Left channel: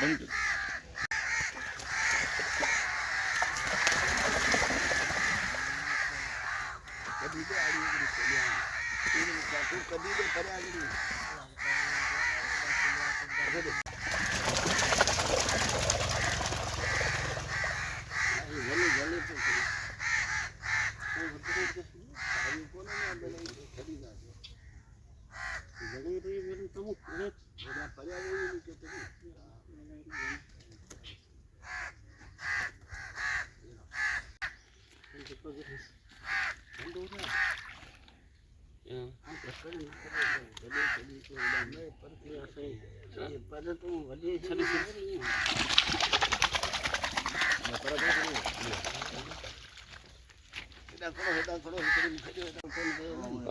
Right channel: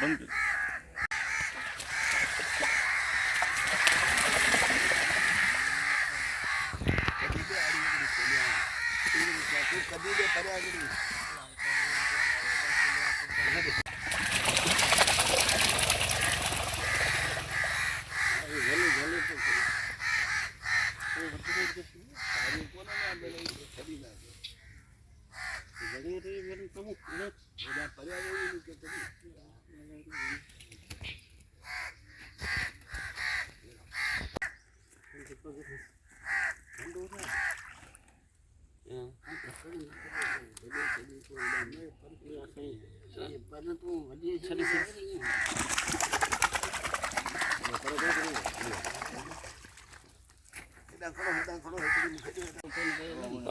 बंद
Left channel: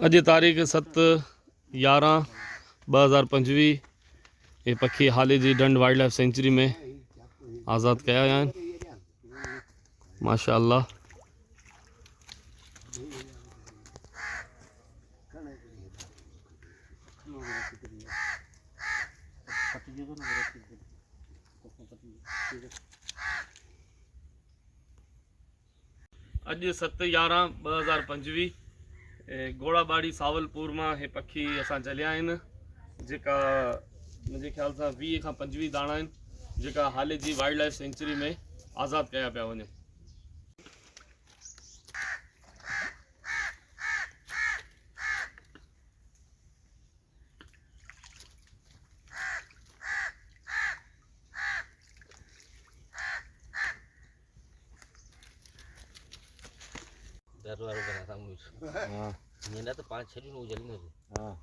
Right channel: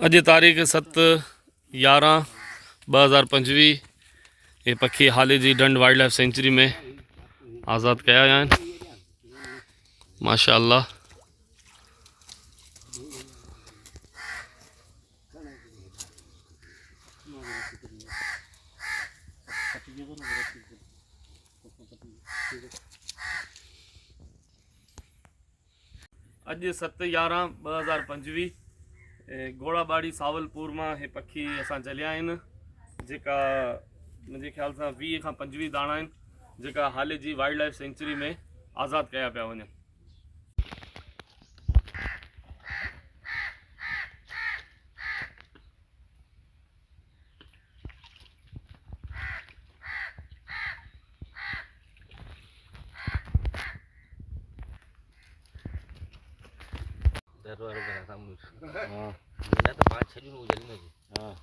अॼु तारीख़ 7/11/2025 ये पखी हाली जी डंड वाइल्ड लाइफ सेंचुरी में आज़ाद कया विया आहिनि माशाअल्लाह। अॼु 7/11/2025 घोड़ाबाड़ी सावलपुर में हे पखी असां जलिया आहिनि जेका मुंहिंजे ख़्याल सां 20 खां 25 दाणा आहिनि जेका हाल जी वाइल्ड लाइफ सेंचुरी में आज़ाद कया पिया वञनि। हाँ तो 5-6 दिन हो जली हाँ